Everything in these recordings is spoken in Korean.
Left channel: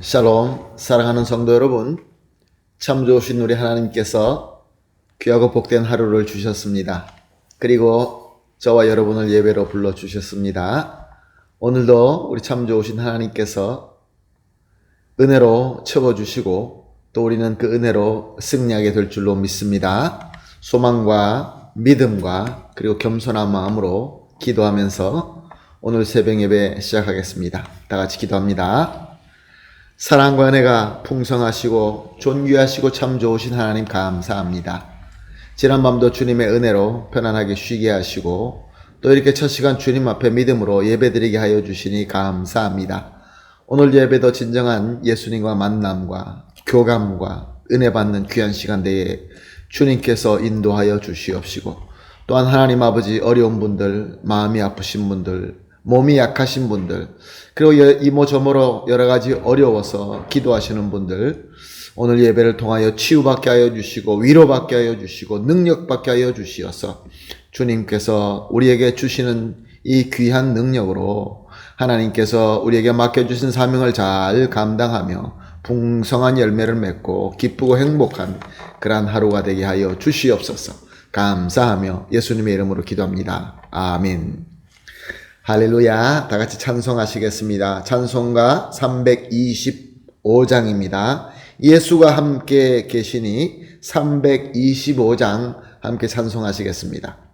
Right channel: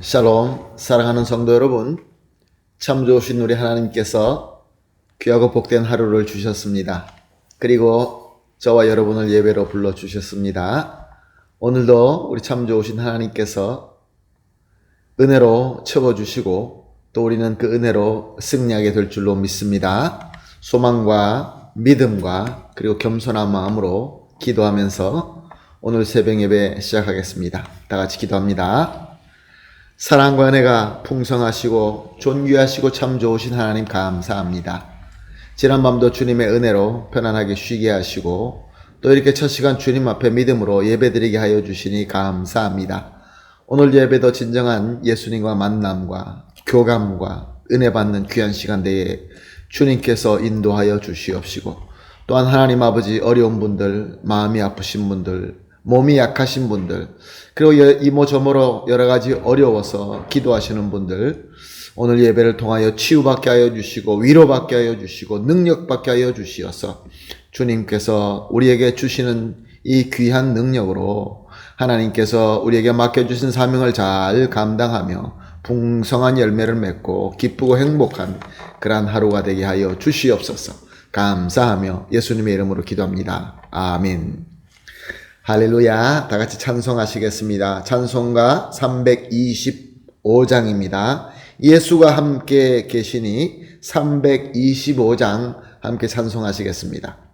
샬롬, 사랑하는 성도 여러분, 참 좋으신 우리 하나님께서 귀하고 복된 하루를 주셨습니다. 그리고 저와 여러분을 예배로 불러주셨습니다. 오늘도 우리 참 좋으신 하나님께서 은혜로 채워주시고 또 우리는 그 은혜로 승리하게 될 줄로 믿습니다. 소망과 믿음과 그리고 겸손한 마음으로 기도하면서 오늘 새벽 예배 시작하겠습니다. 다 같이 기도합니다. 사랑과 은혜가 풍성하시고 존귀하시고 참 좋으신 하나님 감사합니다. 지난 밤도 주님의 은혜로 편안하게 쉬게 하시고 또 이렇게 첫 시간 주님 앞에 믿음으로 예배드리게 하여 주시니 감사합니다. 오늘 예배도 진정한 예수님과 만남과 교감과 은혜 받는 귀한 시간 되에 주님께서 인도하여 주시옵시고 또한 하나님 아버지 어려운 분들, 마음이 아프신 분들, 몸이 약하신 분들, 그리고 이모저모로 여러 가지 어려워서 기도하시는 분들, 오늘 예배를 통하여 치유받게 하여 주시고 위로받게 하여 주시고 능력받게 하여 주시어서 주님께서 우리에게 주시는 이 귀한 능력으로 하나님께서 우리에게 맡겨주신 사명을 잘 감당하며 풍성한 열매를 맺고 기쁘고 행복한 그러한 하루가 되게 하여 주시옵소서. 감사하며 예수님의 이름으로 기도합니다. 아멘. 할렐루야. 다 같이 찬송하시겠습니다. 찬송가 325장입니다. 예수가 함께 계시니 325장 함께 찬송하시겠습니다.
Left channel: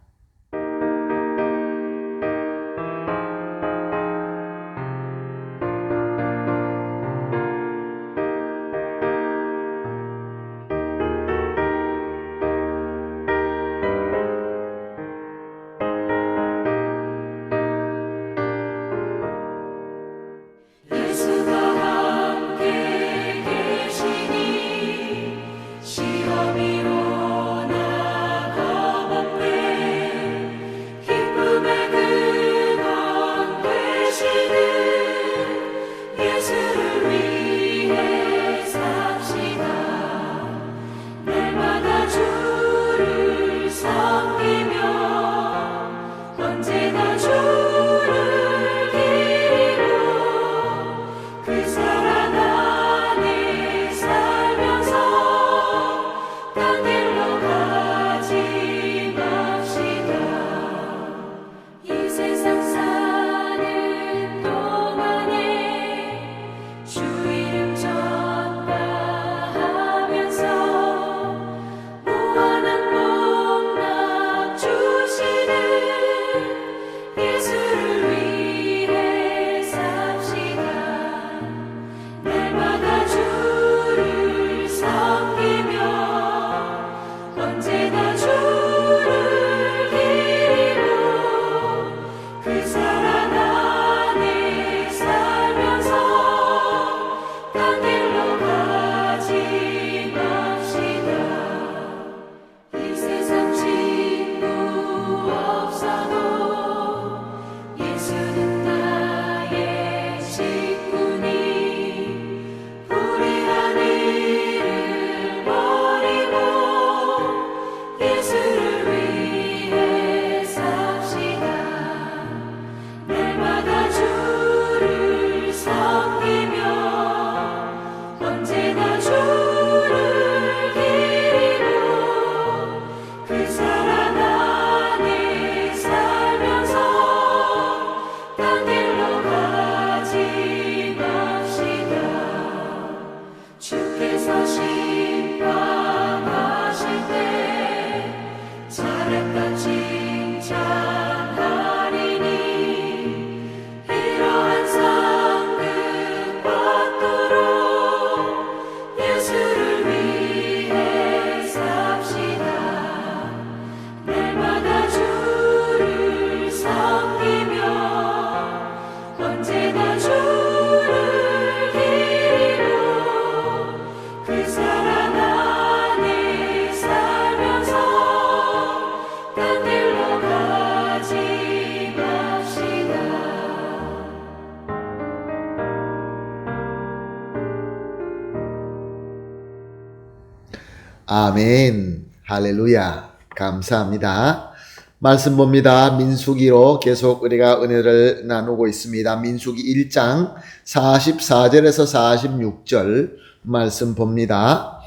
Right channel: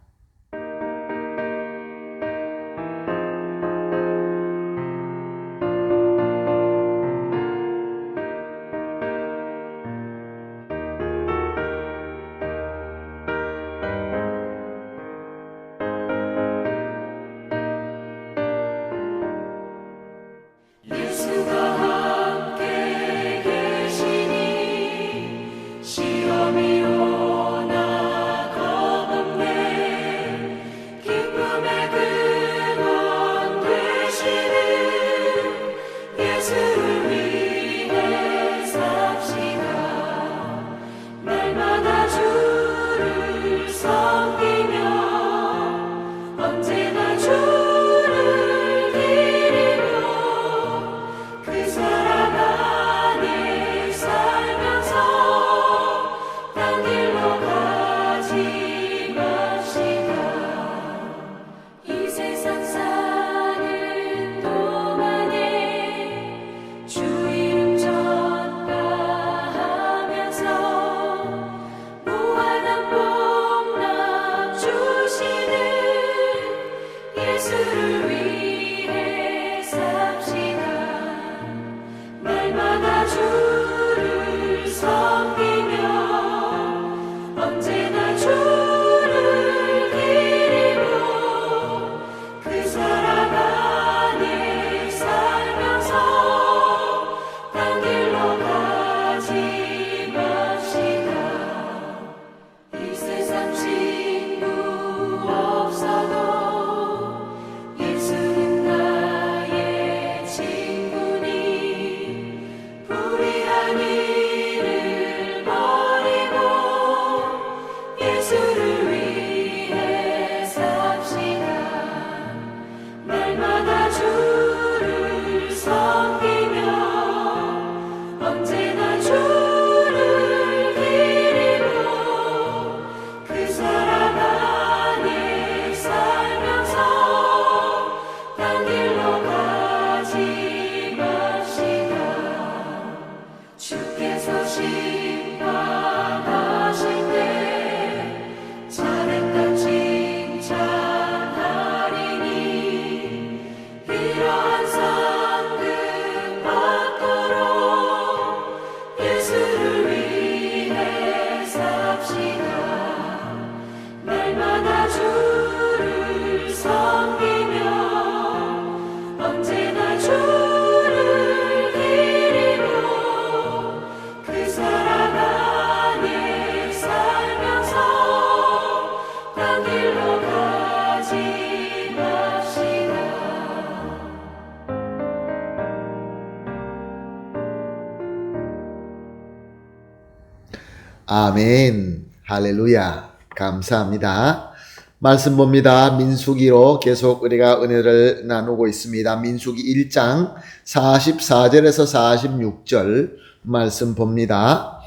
아멘. 할렐루야. 감사합니다. 말씀 봅니다. 민수기로 계속 우리가 은혜를 나누고 있습니다. 민수기 1장 44절에서 46절 말씀 봅니다.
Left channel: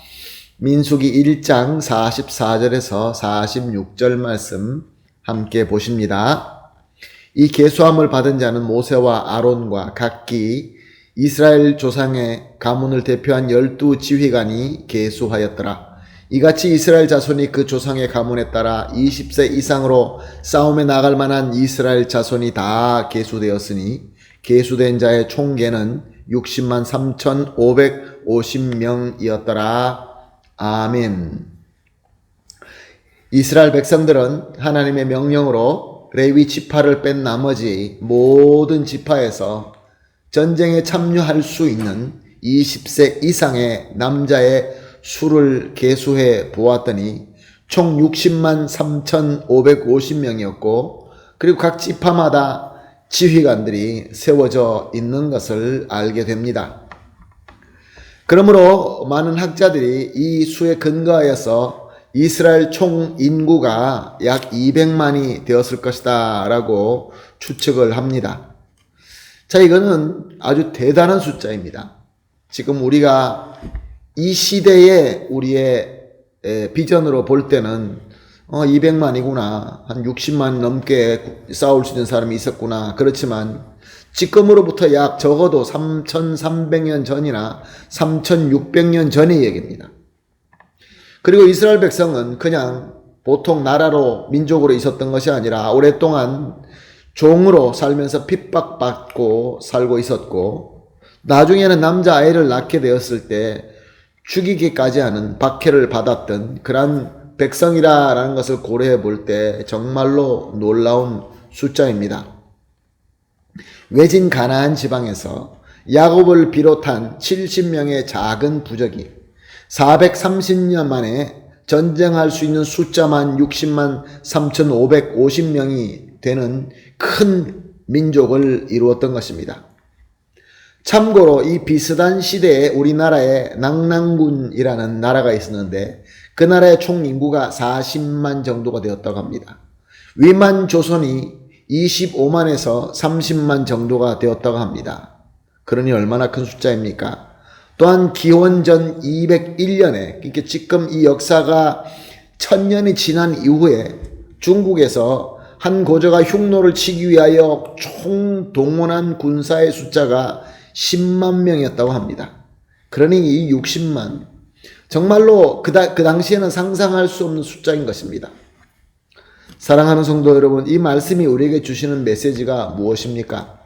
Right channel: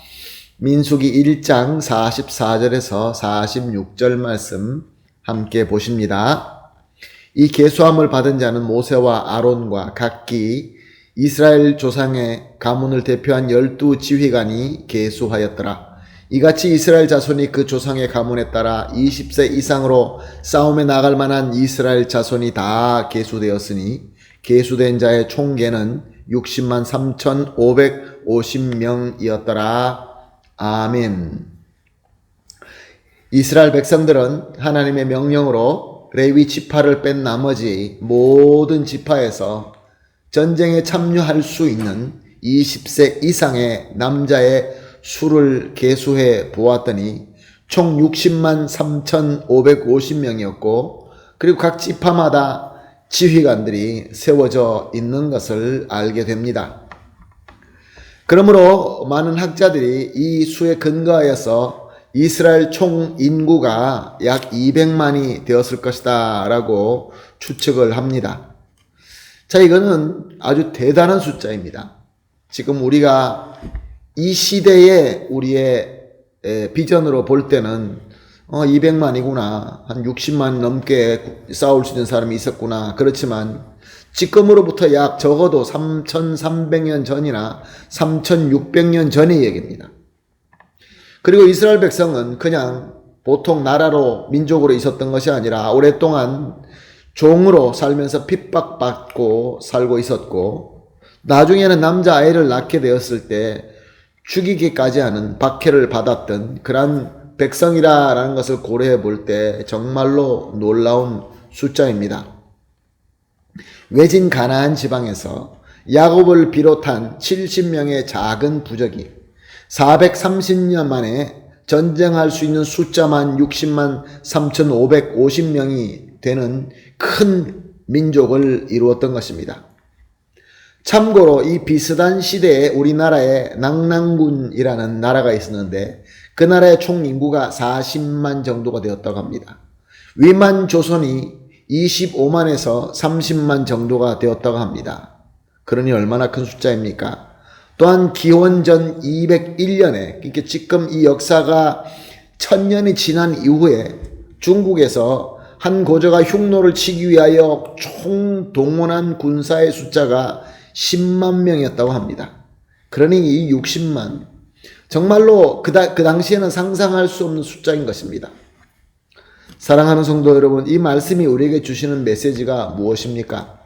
민수기 1장 44절에서 46절 말씀 함께 보십니다. 이 계수함을 받은 자는 모세와 아론과 각기 이스라엘 조상의 가문을 대표한 12 지휘관이 계수하였더라. 이같이 이스라엘 자손이 그 조상의 가문에 따라 20세 이상으로 싸움에 나갈 만한 이스라엘 자손이 다 계수되었으니 계수된 자의 총계는 60만 3,550명이었더라. 아멘. 이스라엘 백성들은 하나님의 명령으로 레위 지파를 뺀 나머지 모든 지파에서 전쟁에 참여할 수 있는 20세 이상의 남자의 수를 계수해 보았더니 총 60만 3,550명이었고 그리고 각 지파마다 지휘관들이 세워져 있는 것을 알게 됩니다. 그러므로 많은 학자들이 이 수에 근거하여서 이스라엘 총 인구가 약 200만이 되었을 것이다 라고 추측을 합니다. 자, 이거는 아주 대단한 숫자입니다. 지금 우리가 이 시대의 우리의 비전으로 볼 때는 200만이구나, 한 60만 넘게 싸울 수 있는 사람이 있었구나. 그렇지만 지금으로부터 약 적어도 3,300년 전이나 3,600년 전의 얘기입니다. 그리고 이스라엘 백성은 그냥 보통 나라로 민족으로 있었던 것이 아니라 오랫동안 종으로 살면서 핍박받고 살고 있었고 나중에는 남자아이를 낳게 되었을 때 죽이기까지 하는 박해를 받았던 그러한 백성이라는 것을 고려해 볼 때 정말로 놀라운 숫자입니다. 외진 가나안 지방에서 야곱을 비롯한 70명의 작은 부족이 430년 만에 전쟁할 수 있는 숫자만 60만 3,550명이 되는 큰 민족을 이루었던 것입니다. 참고로 이 비슷한 시대에 우리나라에 낙랑군이라는 나라가 있었는데 그 나라의 총 인구가 40만 정도가 되었다고 합니다. 위만 조선이 25만에서 30만 정도가 되었다고 합니다. 그러니 얼마나 큰 숫자입니까? 또한 기원전 201년에 그러니까 지금 이 역사가 1000년이 지난 이후에 중국에서 한 고조가 흉노를 치기 위하여 총동원한 군사의 숫자가 10만 명이었다고 합니다. 그러니 이 60만 정말로 그 당시에는 상상할 수 없는 숫자인 것입니다. 사랑하는 성도 여러분, 이 말씀이 우리에게 주시는 메시지가 무엇입니까?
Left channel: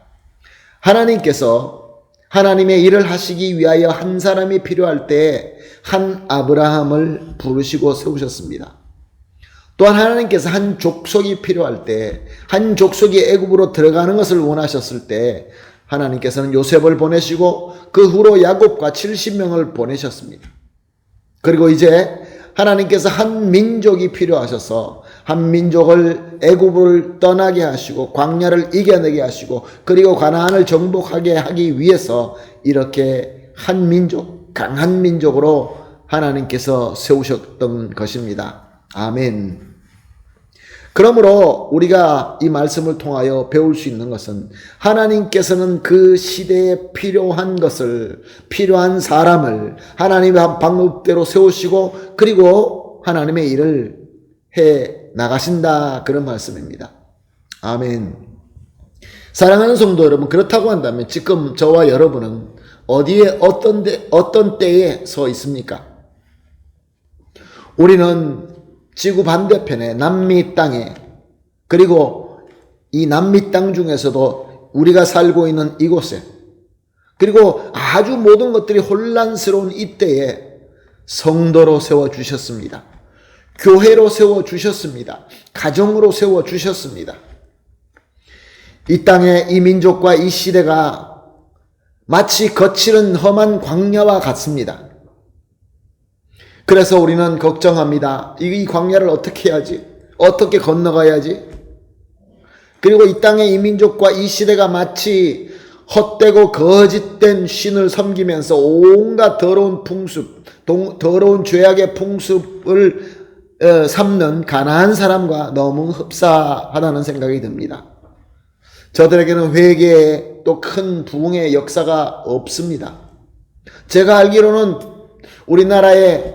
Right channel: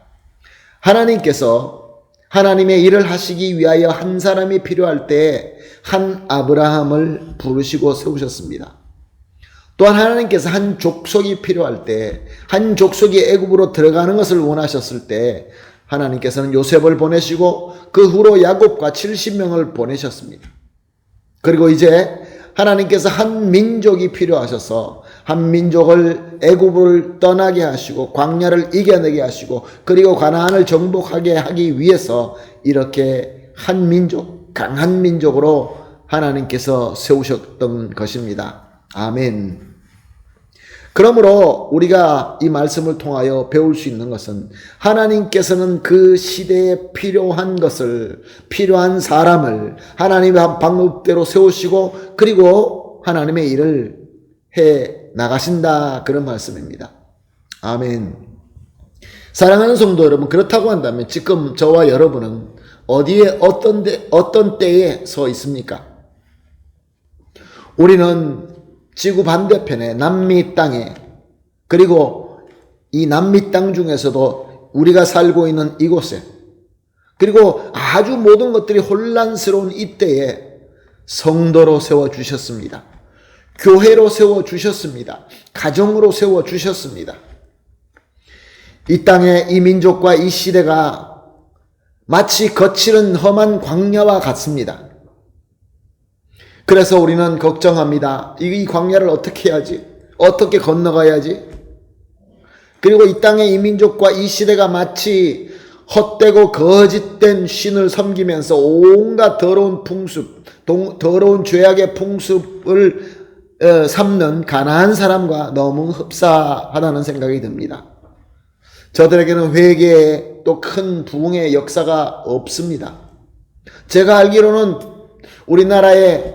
하나님께서 하나님의 일을 하시기 위하여 한 사람이 필요할 때 한 아브라함을 부르시고 세우셨습니다. 또한 하나님께서 한 족속이 필요할 때 한 족속이 애굽으로 들어가는 것을 원하셨을 때 하나님께서는 요셉을 보내시고 그 후로 야곱과 70명을 보내셨습니다. 그리고 이제 하나님께서 한 민족이 필요하셔서 한 민족을 애굽을 떠나게 하시고 광야를 이겨내게 하시고 그리고 가나안을 정복하게 하기 위해서 이렇게 한 민족, 강한 민족으로 하나님께서 세우셨던 것입니다. 아멘. 그러므로 우리가 이 말씀을 통하여 배울 수 있는 것은 하나님께서는 그 시대에 필요한 것을, 필요한 사람을 하나님의 방법대로 세우시고 그리고 하나님의 일을 해 나가신다, 그런 말씀입니다. 아멘. 사랑하는 성도 여러분, 그렇다고 한다면 지금 저와 여러분은 어디에 어떤 때에 서 있습니까? 우리는 지구 반대편에 남미 땅에, 그리고 이 남미 땅 중에서도 우리가 살고 있는 이곳에, 그리고 아주 모든 것들이 혼란스러운 이때에 성도로 세워주셨습니다. 교회로 세워주셨습니다. 가정으로 세워주셨습니다. 이 땅에 이 민족과 이 시대가 마치 거칠은 험한 광야와 같습니다. 그래서 우리는 걱정합니다. 이 광야를 어떻게 해야지? 어떻게 건너가야지? 그리고 이 땅의 이 민족과 이 시대가 마치 헛되고 거짓된 신을 섬기면서 온갖 더러운 풍습, 더러운 죄악의 풍습을 삼는 가나안 사람과 너무 흡사하다는 생각이 듭니다. 저들에게는 회개의 또 큰 부흥의 역사가 없습니다. 제가 알기로는 우리나라에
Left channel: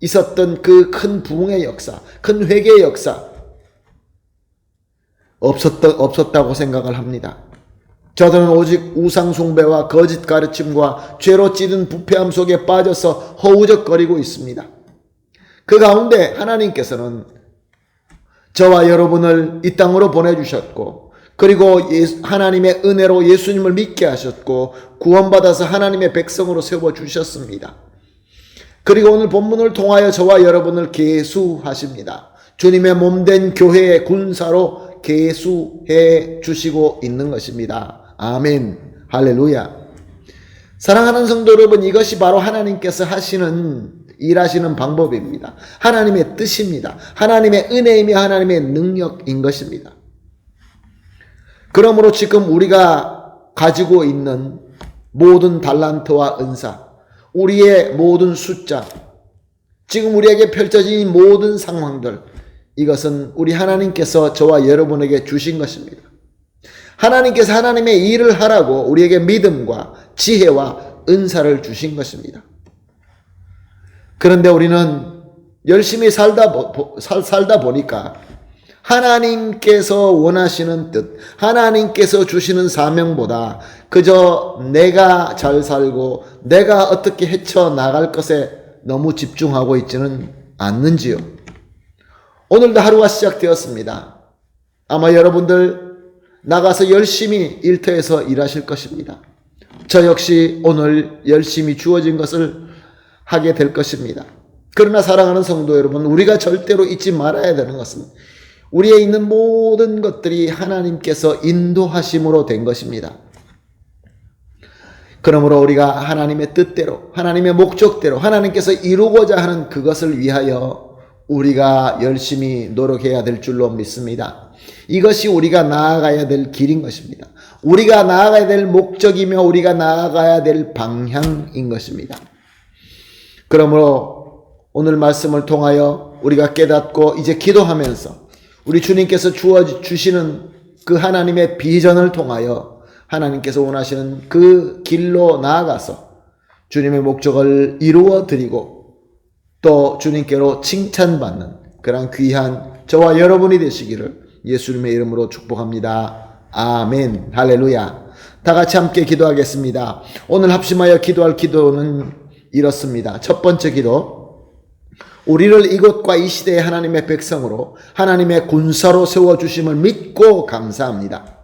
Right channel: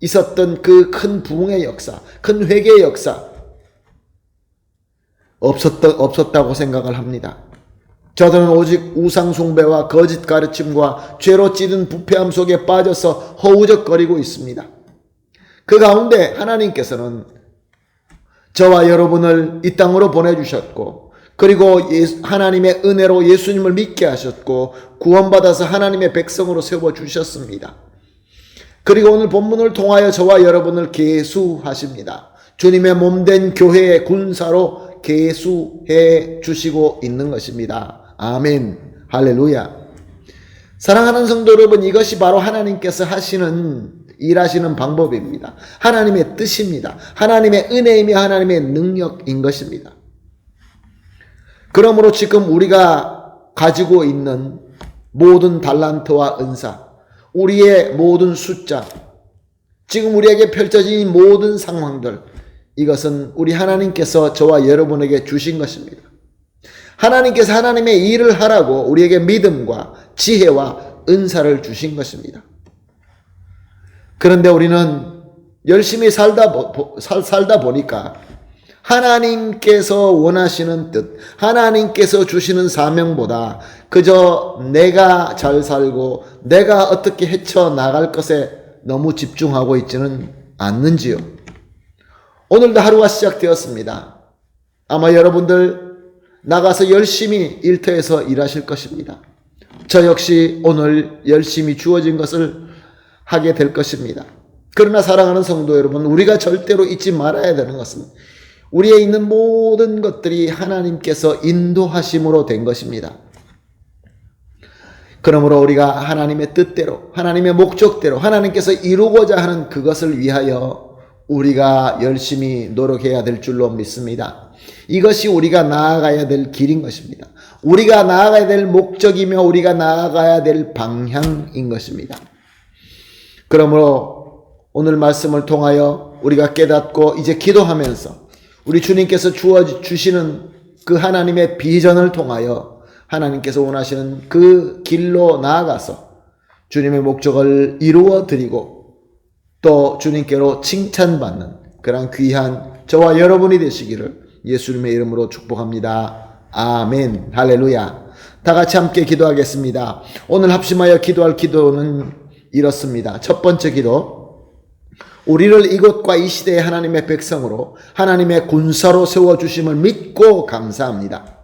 있었던 그 큰 부흥의 역사, 큰 회개의 역사 없었다고 생각을 합니다. 저들은 오직 우상숭배와 거짓 가르침과 죄로 찌든 부패함 속에 빠져서 허우적거리고 있습니다. 그 가운데 하나님께서는 저와 여러분을 이 땅으로 보내주셨고, 그리고 하나님의 은혜로 예수님을 믿게 하셨고 구원받아서 하나님의 백성으로 세워주셨습니다. 그리고 오늘 본문을 통하여 저와 여러분을 계수하십니다. 주님의 몸된 교회의 군사로 계수해 주시고 있는 것입니다. 아멘. 할렐루야. 사랑하는 성도 여러분, 이것이 바로 하나님께서 일하시는 방법입니다. 하나님의 뜻입니다. 하나님의 은혜이며 하나님의 능력인 것입니다. 그러므로 지금 우리가 가지고 있는 모든 달란트와 은사, 우리의 모든 숫자, 지금 우리에게 펼쳐진 이 모든 상황들, 이것은 우리 하나님께서 저와 여러분에게 주신 것입니다. 하나님께서 하나님의 일을 하라고 우리에게 믿음과 지혜와 은사를 주신 것입니다. 그런데 우리는 열심히 살다 보니까 하나님께서 원하시는 뜻, 하나님께서 주시는 사명보다 그저 내가 잘 살고 내가 어떻게 헤쳐나갈 것에 너무 집중하고 있지는 않는지요. 오늘도 하루가 시작되었습니다. 아마 여러분들 나가서 열심히 일터에서 일하실 것입니다. 저 역시 오늘 열심히 주어진 것을 하게 될 것입니다. 그러나 사랑하는 성도 여러분, 우리가 절대로 잊지 말아야 되는 것은 우리에 있는 모든 것들이 하나님께서 인도하심으로 된 것입니다. 그러므로 우리가 하나님의 뜻대로, 하나님의 목적대로, 하나님께서 이루고자 하는 그것을 위하여 우리가 열심히 노력해야 될 줄로 믿습니다. 이것이 우리가 나아가야 될 길인 것입니다. 우리가 나아가야 될 목적이며 우리가 나아가야 될 방향인 것입니다. 그러므로 오늘 말씀을 통하여 우리가 깨닫고 이제 기도하면서 우리 주님께서 주시는 그 하나님의 비전을 통하여 하나님께서 원하시는 그 길로 나아가서 주님의 목적을 이루어 드리고 또 주님께로 칭찬받는 그런 귀한 저와 여러분이 되시기를 예수님의 이름으로 축복합니다. 아멘. 할렐루야. 다 같이 함께 기도하겠습니다. 오늘 합심하여 기도할 기도는 이렇습니다. 첫 번째 기도, 우리를 이곳과 이 시대의 하나님의 백성으로 하나님의 군사로 세워주심을 믿고 감사합니다.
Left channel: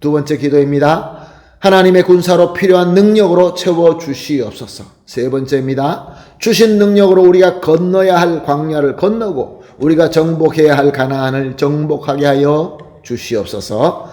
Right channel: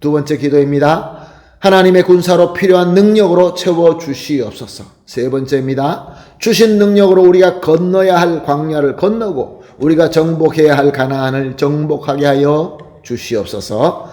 두 번째 기도입니다. 하나님의 군사로 필요한 능력으로 채워주시옵소서. 세 번째입니다. 주신 능력으로 우리가 건너야 할 광야를 건너고 우리가 정복해야 할 가나안을 정복하게 하여 주시옵소서.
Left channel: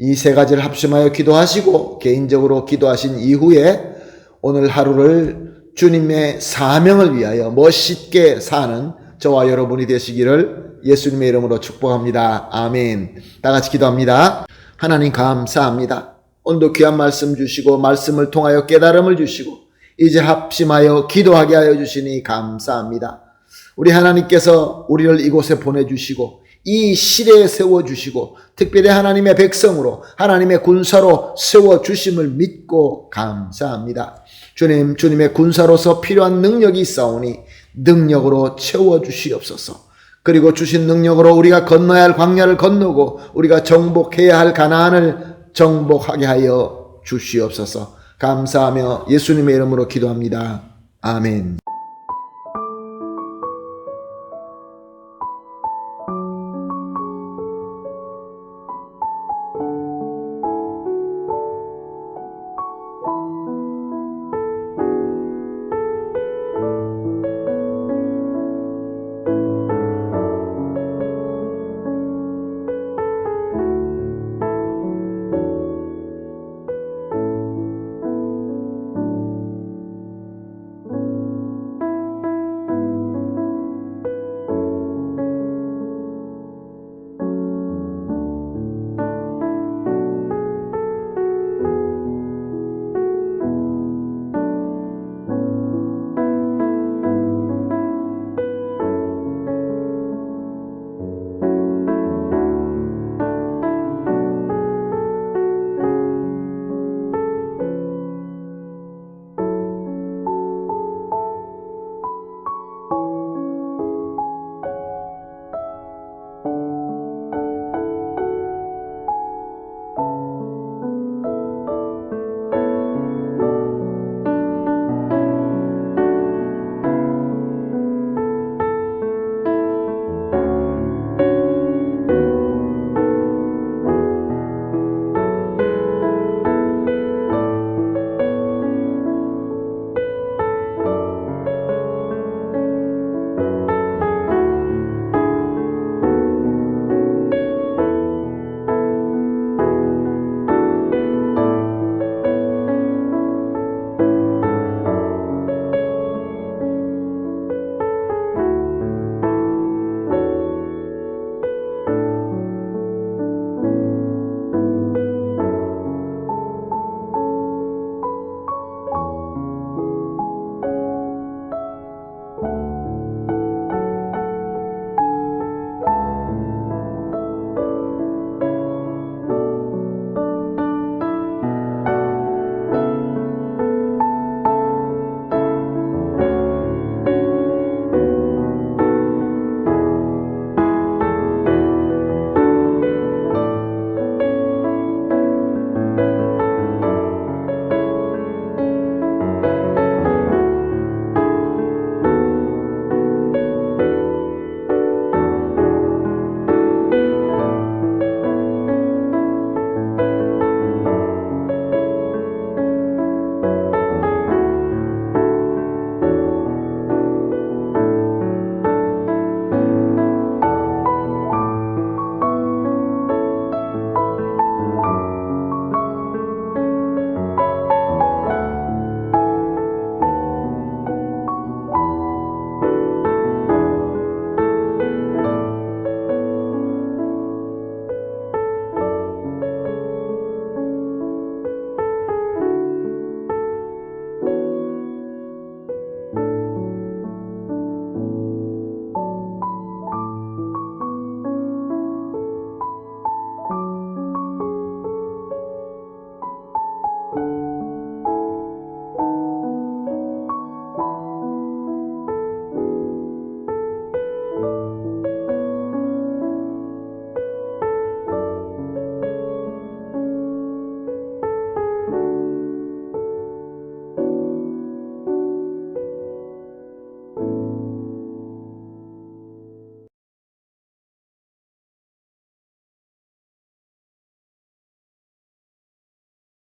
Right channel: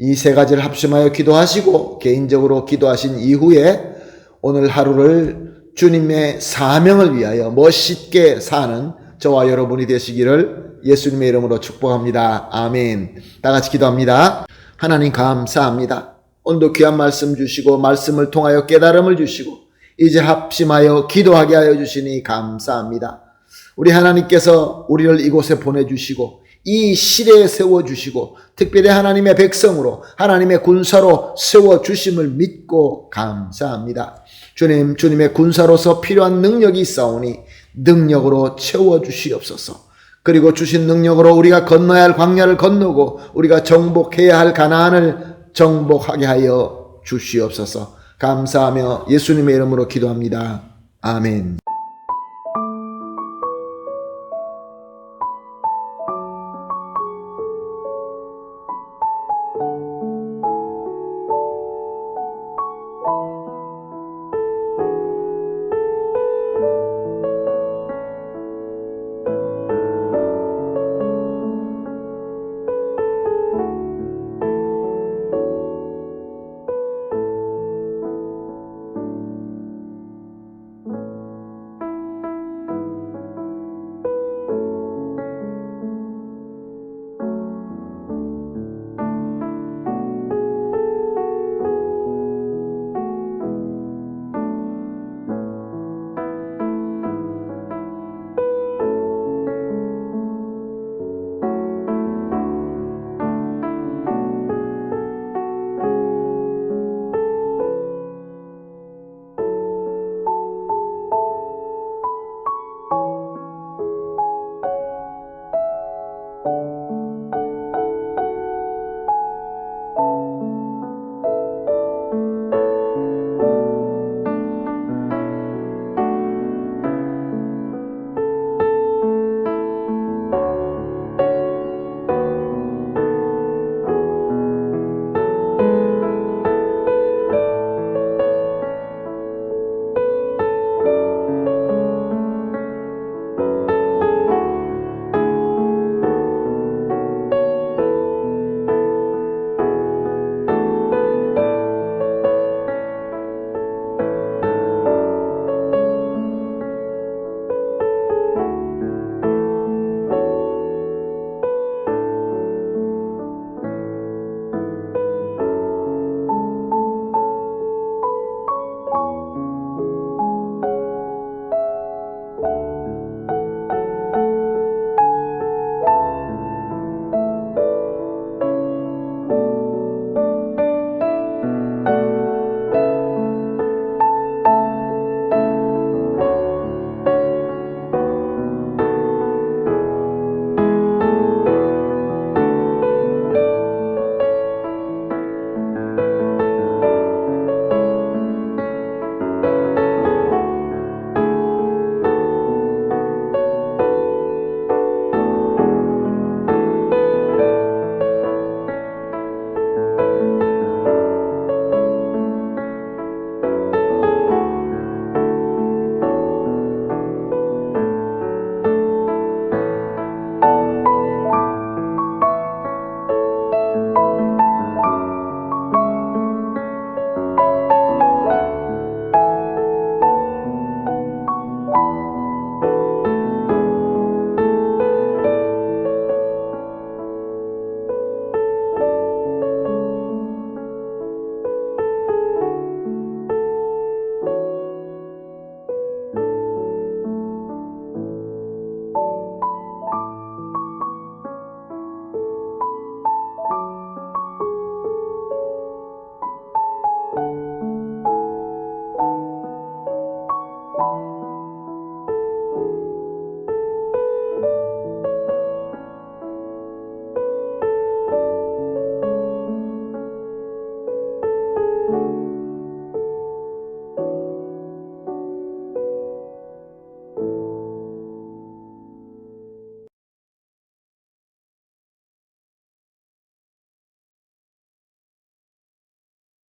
이 세 가지를 합심하여 기도하시고 개인적으로 기도하신 이후에 오늘 하루를 주님의 사명을 위하여 멋있게 사는 저와 여러분이 되시기를 예수님의 이름으로 축복합니다. 아멘. 다 같이 기도합니다. 하나님 감사합니다. 오늘도 귀한 말씀 주시고 말씀을 통하여 깨달음을 주시고 이제 합심하여 기도하게 하여 주시니 감사합니다. 우리 하나님께서 우리를 이곳에 보내주시고 이 시대에 세워주시고 특별히 하나님의 백성으로 하나님의 군사로 세워주심을 믿고 감사합니다. 주님, 주님의 군사로서 필요한 능력이 있사오니 능력으로 채워주시옵소서. 그리고 주신 능력으로 우리가 건너야 할 광야를 건너고 우리가 정복해야 할 가나안을 정복하게 하여 주시옵소서. 감사하며 예수님의 이름으로 기도합니다. 아멘.